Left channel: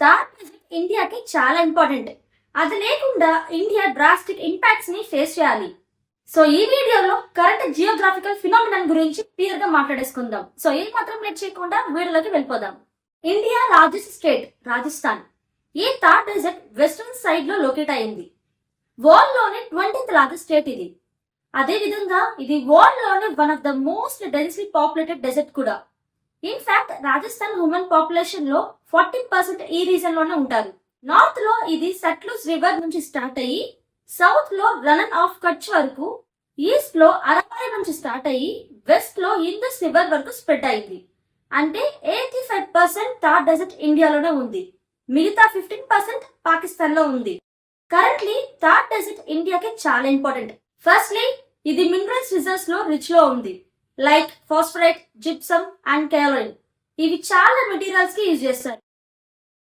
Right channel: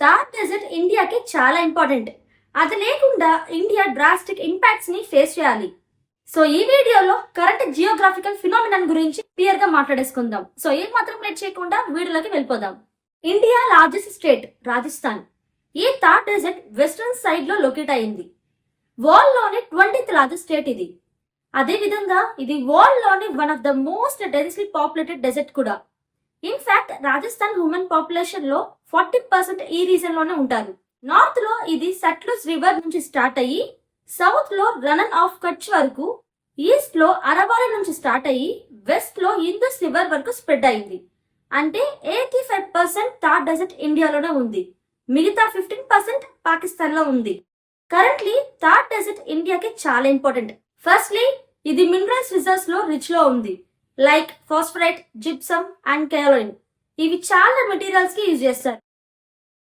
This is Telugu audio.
థార్ డెజర్ట్ ఇండియాకి చాలా ఇంపార్టెంట్. అది లేకుండా ఇండియా డ్రాస్టిక్ ఇంపాక్ట్స్ ని ఫేస్ చేయాలి. సో ఈ వీడియోలో కరెంట్ జియోగ్రాఫికల్ ఫినామినన్ గురించి క్లియర్ గా మాట్లాడేసుకుందాం. సో ఏం మాత్రం లేట్ చేయకుండా వీడియోలోకి వెళ్ళిపోదాం. India largest state Rajasthan. ఈ థార్ డెజర్ట్ వెస్ట్రన్ సైడ్ లో లొకేట్ అయింది. వరల్డ్ లోని 20th లార్జెస్ట్ స్టేట్ ఇది. అదే విధంగా ఇది వరల్డ్ లోని one of the most densely populated desert కూడా. ఇన్ఫాక్ట్ రాజస్థాన్ హ్యూమన్ పాపులేషన్ లో 40% ఈ రీజన్ లోనే ఉంటారు. నార్త్ లో ఇది సట్లుజ్ రివర్ నుంచి స్టార్ట్ అయ్యి సౌత్ లో రనన్ ఆఫ్ కచ్ వరకు, ఈస్ట్ లో అరవాలి నుంచి స్టార్ట్ అయ్యి వెస్ట్ లో ఇందస్ రివర్ వరకు స్ప్రెడ్ అయింది. అంటే 85% థార్ డెజర్ట్ ఇండియాలోనే ఉంది, మిగతా 15% పాకిస్తాన్ లో ఉంది. కరెంట్లీ థార్ డెజర్ట్ ఇండియాకి చాలా ఇంపార్టెంట్. ఫస్ట్లీ ఇది మినరల్స్ రిజర్వ్స్ లో రిచ్ లో ఉంది, లైక్ ఫాస్ఫరైట్, జిప్సమ్ అండ్ కాలోరిన్. ఇవి చాలా మెటీరియల్స్ కి యూజ్ చేస్తారు.